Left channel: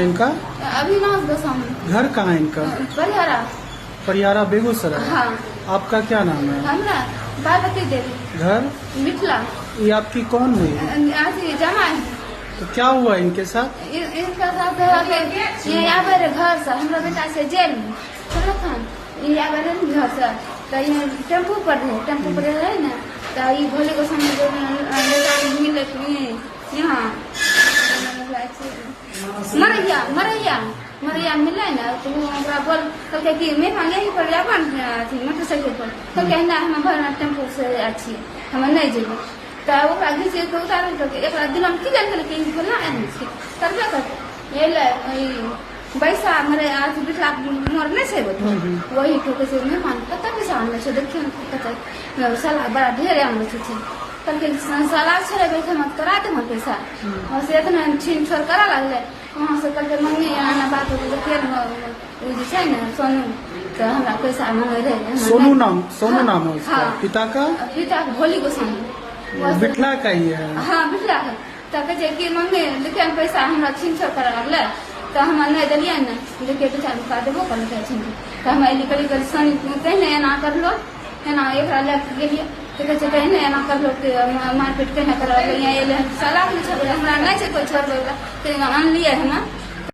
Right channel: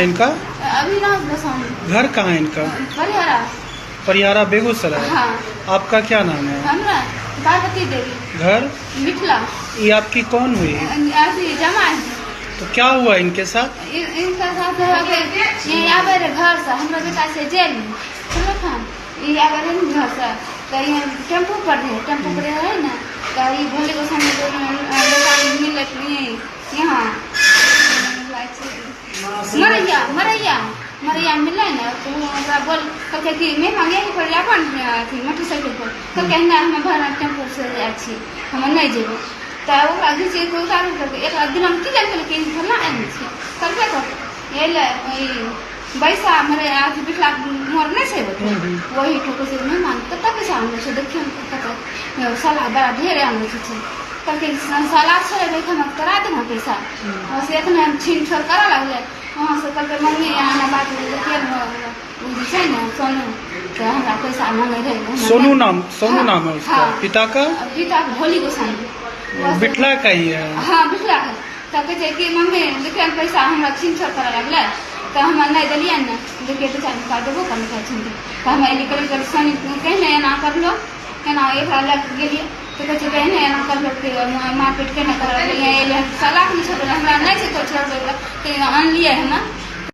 इनका अविनाश गोस्वामी। घर कहाँ है इनका? परिहारा। परिहारा बेगूसराय। हाँ। आपका क्या नाम है? हमरा पार्वती देवी। घर मिथिला। ये आपकी कौन हुई? जमाई। तो क्या हुआ इनके साथ? इनका साथ ये आवे रे घर से हमरा बेटा से जेल में समझ खान ये आवे रे घर से तो ये टेम्पू पर है ना तो ये भोले गोस्वामी लोग मिलत यहाँ मरैया मिले ना तो हमरा बोल कहते कि मैं यहीं पर लाबन थी मोटरसाइकिल पर तो कहना हम भर टेम्पू से अच्छी हम नहीं जेबो तो ओकरा घीचे को उतार करके एक दिन हम की जान के फला आनी छै करबे करते ये ले पैसा मरे आथी बिठला मोर नहीं छै वही ठोके से मेहमान कत पैसा हमने से देखियो कत साला बड़ा ढेर आने छै करके साला छोड़े बैठे मत करा दे हम पैसा बस इतना हम छीन छोड़ करा लगले वहाँ से कल मम्मी आना बात देखिए छै ना सोनू तो हमरा पैसा मांगे रहे सोनू नाम है उसका। पिता का भोली गोस्वामी बिठला का ही है। हाँ बिठला है तो कहे कि मम्मी देखिए पैसा हमरा छीन छोड़ करा लगले तो हम नहीं दिलिए ना देखिए तो चाहे का देबो कर छीन तो हम अली करी सोनी कहने एना कर लो एना एक लग गेलिए तो कहते कहने एना कर लो कि मार्केट कहने कर साला नहीं छोड़ हमरा नहीं से कोई छोड़ दो आन लिए हम